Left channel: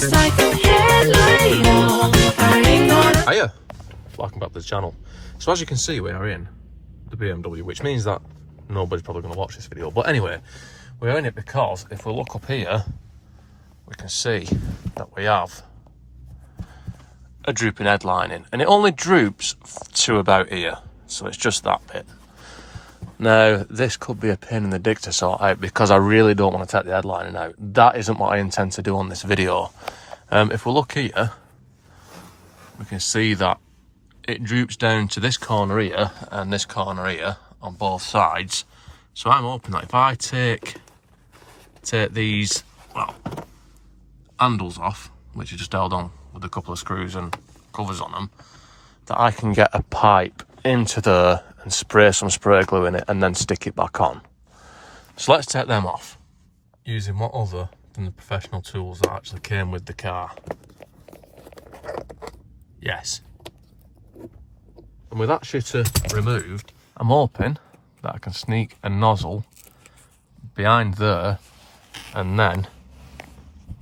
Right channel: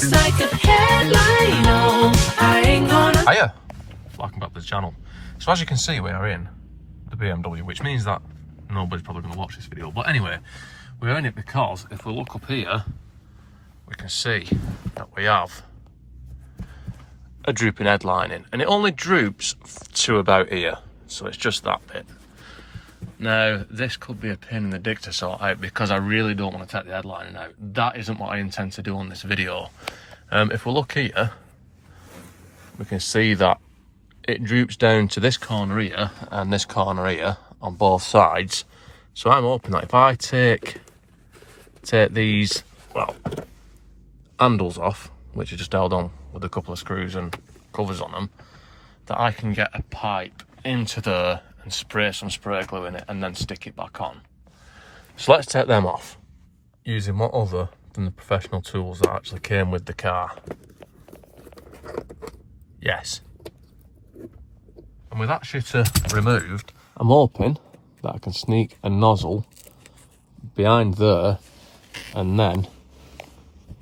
just like a headlight on. I ain't gonna. Hiya, welcome back to the channel. So as you can see, we are in the BMW, which means that nobody's probably going to watch this video. But anyway, we're in it because if we look up here, we can see that we have a drooping headlining, and it only droops to about here, so it's just that bit. Now, this could be a pain in the dick to sort out because I really don't want to take the headlining out. That isn't what I intend to do on this video. If we look here, we can see that it droops down to this corner here and this corner here on both sides. So I'm hoping that if I take these, well, handles off, which are just held on with a couple of screws and covers on them, that I can get a pipe into there and spray some spray glue in it and then stick it back on. So let's take them off using what other than the professional tools that actually came with the car. Yes. And with that shitter removed, I'm hoping that I can sneak a nozzle behind there and then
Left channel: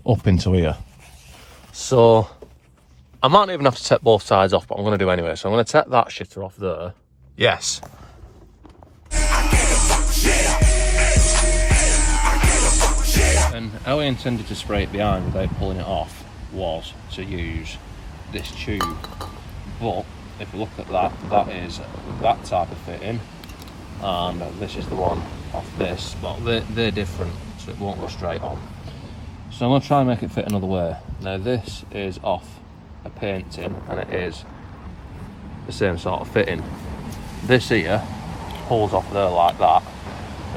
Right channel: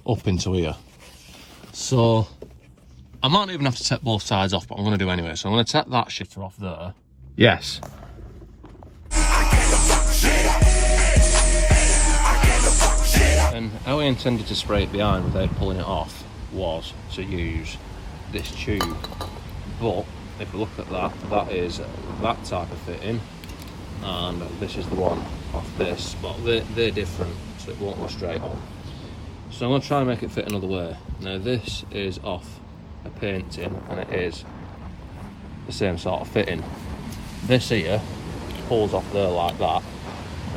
up into here. So I might even have to take both sides off, but I'm going to do anyway. So I'm going to take that shitter off there. Yes. And how I intended to spray it behind without pulling it off was to use this tube. But if we look at that, that is that type of fitting, and this is the one off this. But they're different, so it won't go straight on. So I'm going to try and make it fit another way. Now this is off a painting, and it is the same sort of fitting. This here pulls off there like that.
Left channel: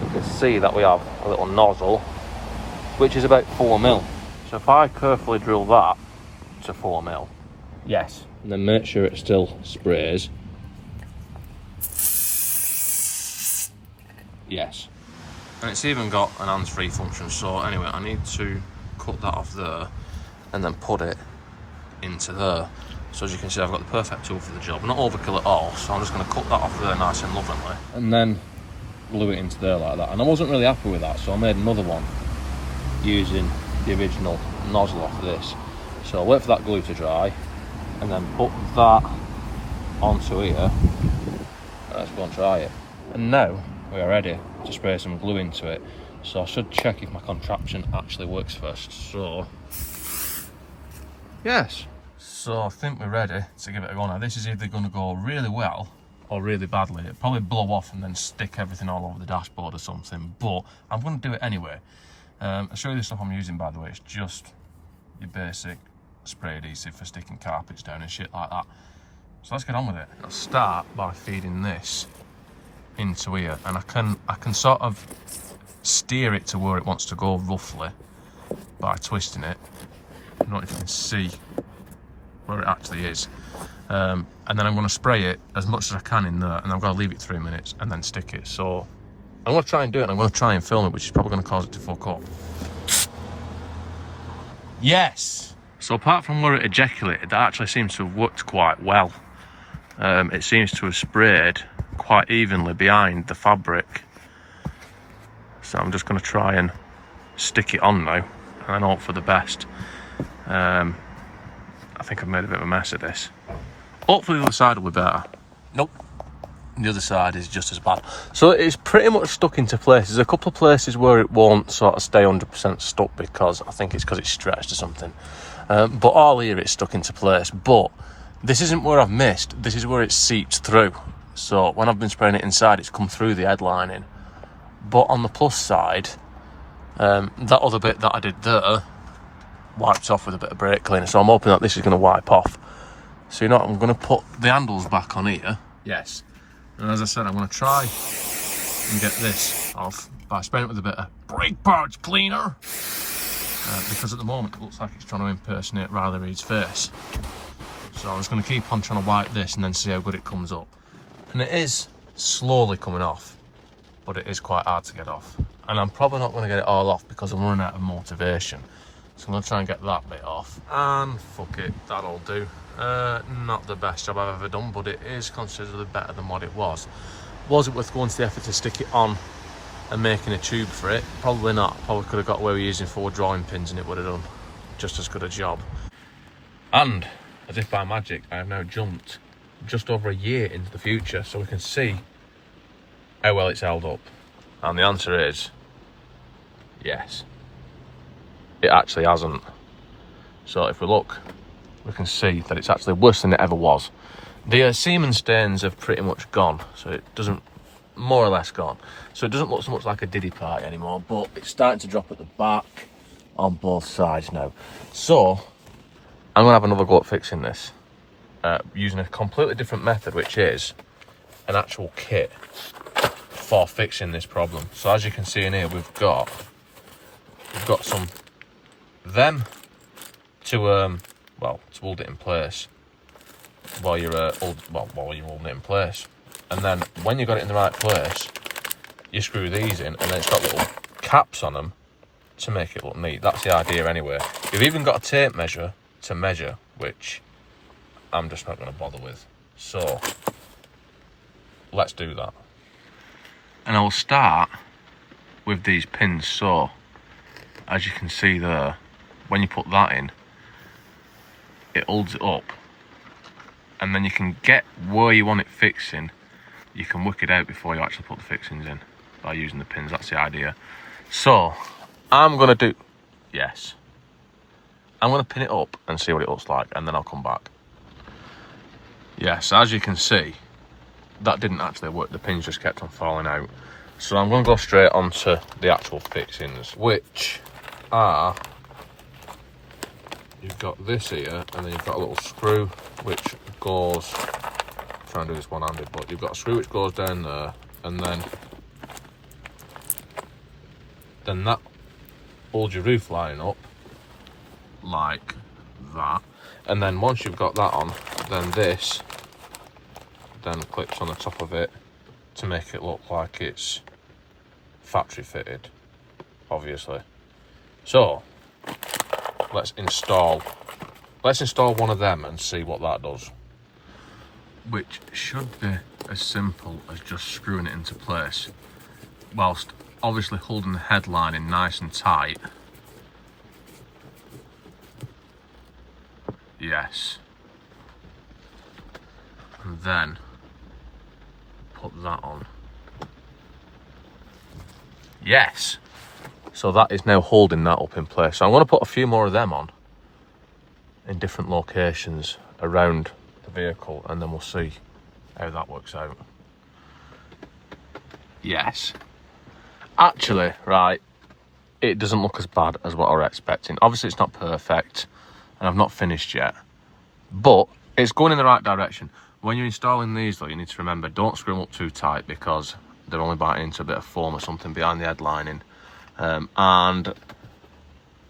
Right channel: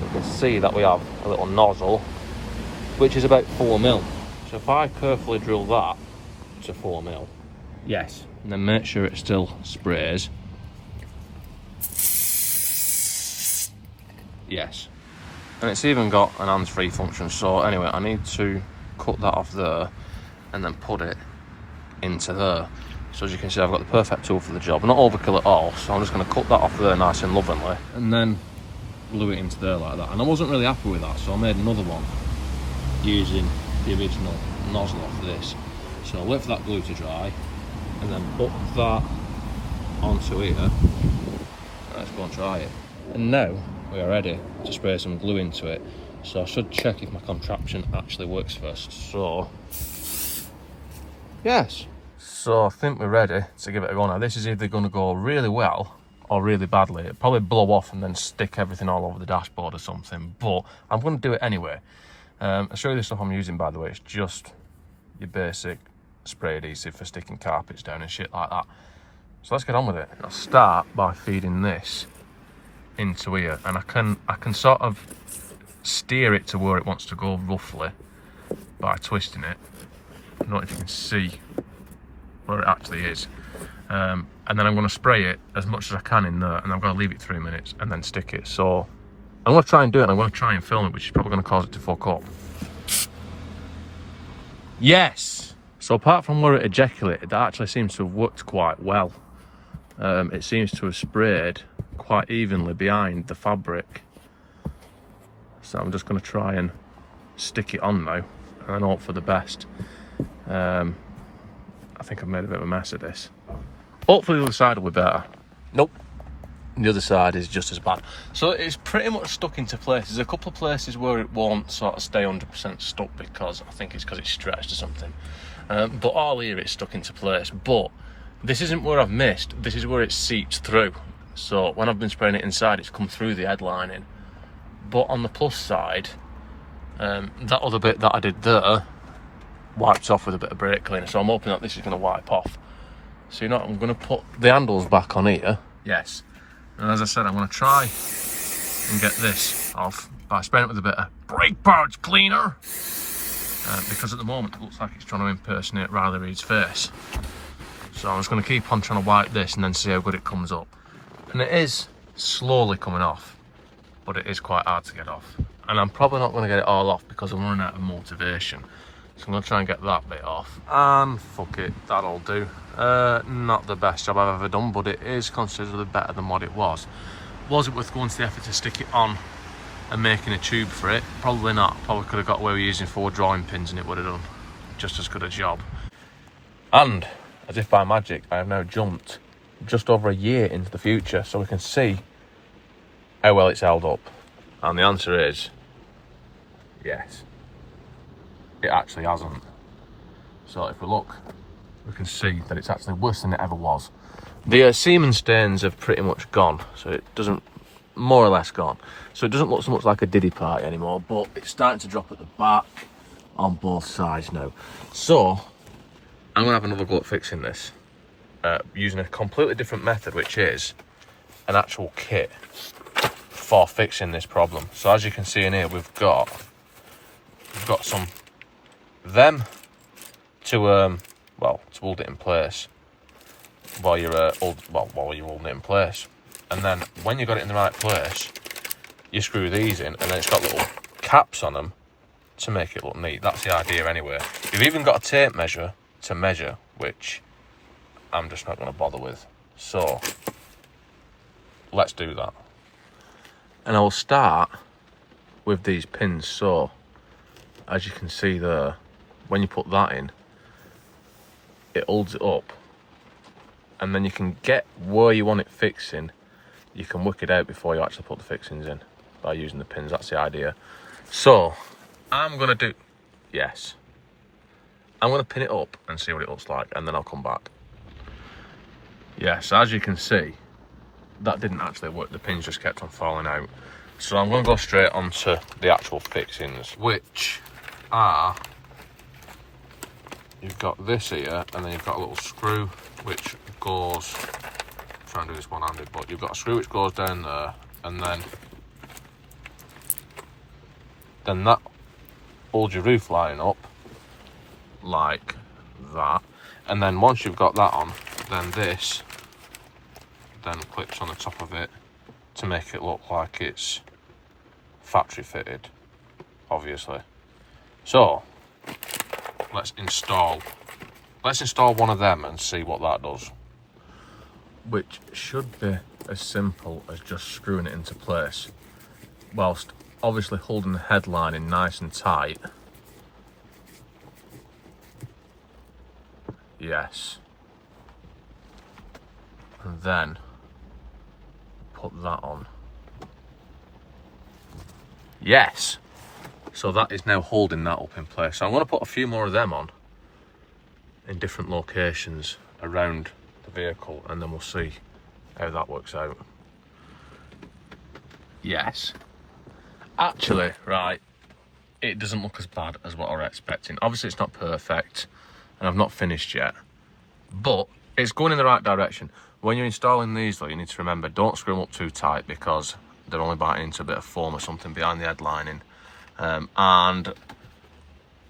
You can see that we have a little nozzle, which is about 4mm. So if I carefully drill that to 4mm, yes, and then make sure it still sprays. Yes. And it's even got an hands-free function. So anyway, I need to cut that off there and then put it into there. So as you can see, I've got the perfect tool for the job. Not overkill at all, so I'm just going to cut that off there nice and lovingly and then glue it into there like that. And I wasn't really happy with that, so I made another one using the original nozzle off this. So I'll wait for that glue to dry and then put that onto here. Let's go and try it. And now we are ready to spray some glue into it. So I should check if my contraption actually works first. So, yes. So I think we're ready to give it a go now. This is either going to go really well or really badly. It'll probably blow off and then stick everything all over the dashboard or something. But I'm going to do it anyway. I'll show you the stuff I'm using, by the way. It's just your basic spray adhesive for sticking carpets down and shit like that. So let's get on with it. I'll start by feeding this into here, and I can sort of steer it to where it wants to go roughly by twisting it. I don't know if you can see where it actually is. And then I'm going to spray it as much as I can in there, and I'm going to leave it 3 minutes and then stick it. So I'm going to try and do it, and I'm going to try and film it, which is probably going to cause it to fuck up. Yes! So apart from where it ejaculated, that actually seems to have worked quite well. It seems to have sprayed quite evenly behind the fabric. So I'm just going to try and stick it on now, and then hope for the best. I think I've made a bit of a mess of this. Hopefully the other side will be better. Nope. The other side is just as bad. So it's pretty much stuck into place. There's a couple of places where it won't sort of stay 100% stuck because I think it's because it's stretched or something. But all here it's stuck into place. But this isn't where I've missed. This is where it seeps through. So when I've been spraying it inside, it's come through the headlining. But on the plus side, that other bit that I did there wiped off with a bit of brake cleaner. So I'm hoping that this is going to wipe off. So you know what, I'm going to put the handles back on here. Yes. And as I said, I'm going to try and get this off by spraying it with a bit of brake parts cleaner. Because at the moment it looks like it's trying to impersonate Riley Reid's face. So I'm just going to keep on trying to wipe this and then see how good it comes up. And it is slowly coming off, but it is quite hard to get off. And I'm probably not going to get it all off because I'm running out of motivation. So I'm going to try and get that bit off. And fuck it, that'll do. Not the best job I've ever done, but it is considerably better than what it was. Was it worth going to the effort to stick it on and making a tube for it? Probably not. Probably could have got away with using 4 drawing pins and it would have done just as good a job. And as if by magic, I have now jumped just over a year into the future, so we can see how well it's held up. And the answer is yes, it actually hasn't. So if we look, we can see that it's actually worse than it ever was. The semen stains have pretty much gone, so it doesn't, more or less gone. So it doesn't look so much like a diddy party anymore, but it's starting to drop at the back on both sides now. So I'm gonna have another go at fixing this using a completely different method, which is an actual kit for fixing this problem. So as you can see in here, we've got some to hold it in place while you're holding it in place. And then when you've got it in the right place, you screw these in, and then it's got little caps on them to make it look neat. That's the idea anyway. You've even got a tape measure to measure, which I'm just not going to bother with. So let's do that. And I will start with these pins. So as you can see there, when you put that in, it holds it up, and then you can get where you want it fixing. You can work it out before you actually put the fixings in by using the pins. That's the idea. So I'm gonna pin it up and see what it looks like, and then I'll come back. Yes, as you can see, that didn't actually work. The pins just kept on falling out. So I'm gonna go straight onto the actual fixings, which are, you've got this here, and then you've got a little screw which goes, try and do this one-handed, but you've got a screw which goes down there, and then that holds your roof line up like that. And then once you've got that on, then this then clips on the top of it to make it look like it's factory fitted, obviously. So let's install one of them and see what that does, which should be as simple as just screwing it into place, whilst obviously holding the headline in nice and tight. Yes. And then put that on. Yes. So that is now holding that up in place. So I'm going to put a few more of them on in different locations around the vehicle, and then we'll see how that works out. Yes. Actually, right, it doesn't look as bad as what I was expecting. Obviously it's not perfect, and I've not finished yet, but it's going in the right direction. When you're installing these though, you need to remember, don't screw them up too tight, because they're only biting into a bit of foam or something behind the headlining. And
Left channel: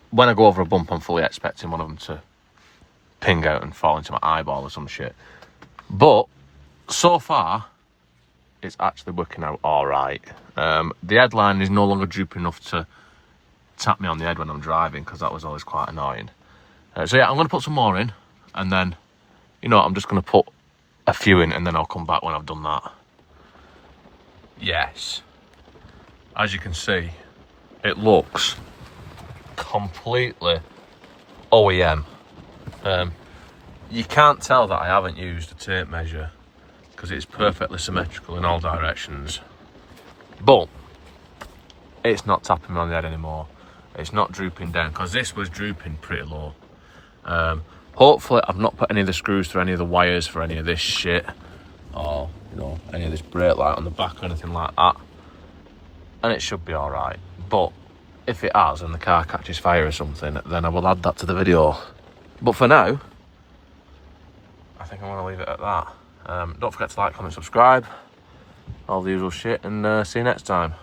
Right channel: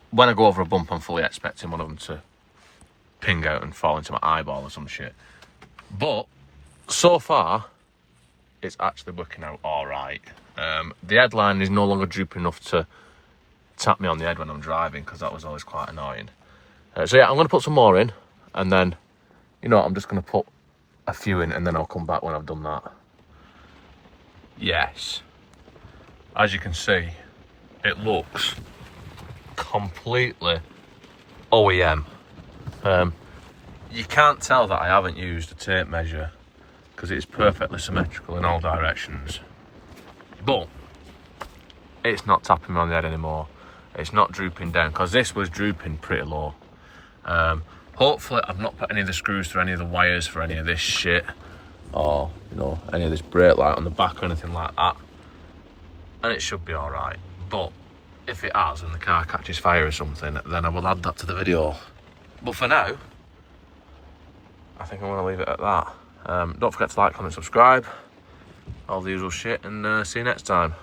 when I go over a bump, I'm fully expecting one of them to ping out and fall into my eyeball or some shit. But so far, it's actually working out all right. The headline is no longer drooping enough to tap me on the head when I'm driving, because that was always quite annoying. So yeah, I'm going to put some more in, and then, you know, I'm just going to put a few in, and then I'll come back when I've done that. Yes. As you can see, it looks completely OEM. You can't tell that I haven't used a tape measure, because it's perfectly symmetrical in all directions. But it's not tapping me on the head anymore. It's not drooping down, because this was drooping pretty low. Hopefully I've not put any of the screws through any of the wires for any of this shit, or, you know, any of this brake light on the back or anything like that, and it should be all right. But if it has and the car catches fire or something, then I will add that to the video. But for now, I think I'm going to leave it at that. Don't forget to like, comment, subscribe, all the usual shit, and see you next time.